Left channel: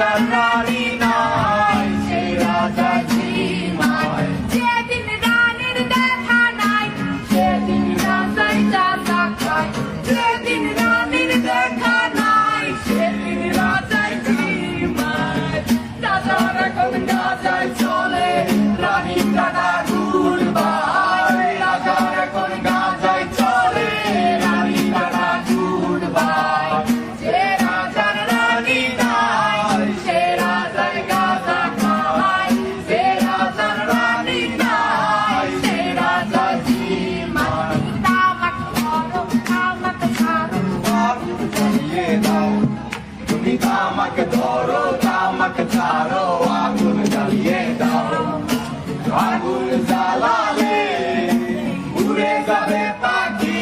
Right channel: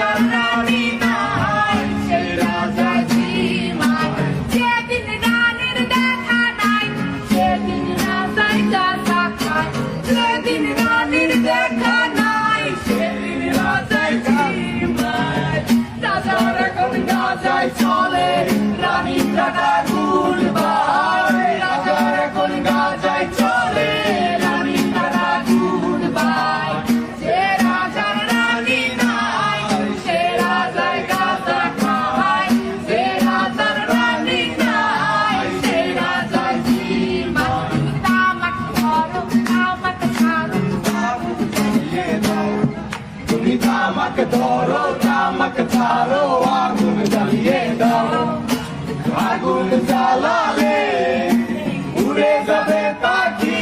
রাজার রানী নাই, সেই রাজা ঝিমায়। যেদিন রানীর দেখা নাই, সেদিন রাজাই গাঁজা খায়। যেদিন রানীর দেখা নাই, সেদিন রাজায় ঝিমায়। রাজার এখন গাজায় চলে, রানী কাটা গুণ বাহায়। রাজার এখন গাজায় চলে, রানী কাটা গুণ বাহায়। সে রাজার রানী নাই, সে রাজায় গাজা খায়। সে রাজার রানী নাই, সে রাজায় ঝিমায়। তামাক ধরো, তামাক ছাড়ো, আগুন জ্বালিয়ে দাও, তুমি তামাক ধরো, তামাক ছাড়ো, আগুন জ্বালিয়ে দাও। আগুন জ্বালালে উড়ে যাবে পাখি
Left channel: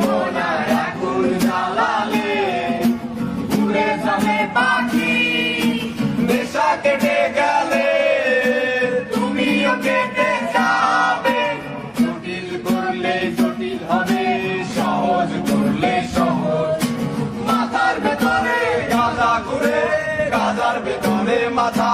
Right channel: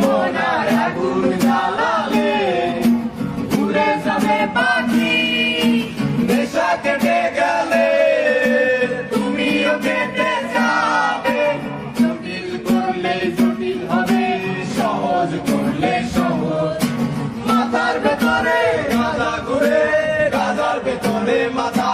মোনার, আগুন জ্বালালে উড়ে যাবে পাখি। নেশা কেটে গেলে তুমিও কেটে যাবে, জটিল করলে জটিল হবে, সহজ করলে সহজ। মাথার ভেতরে গাঁজা ঘুরে, গাঁজার ভেতরে মাথা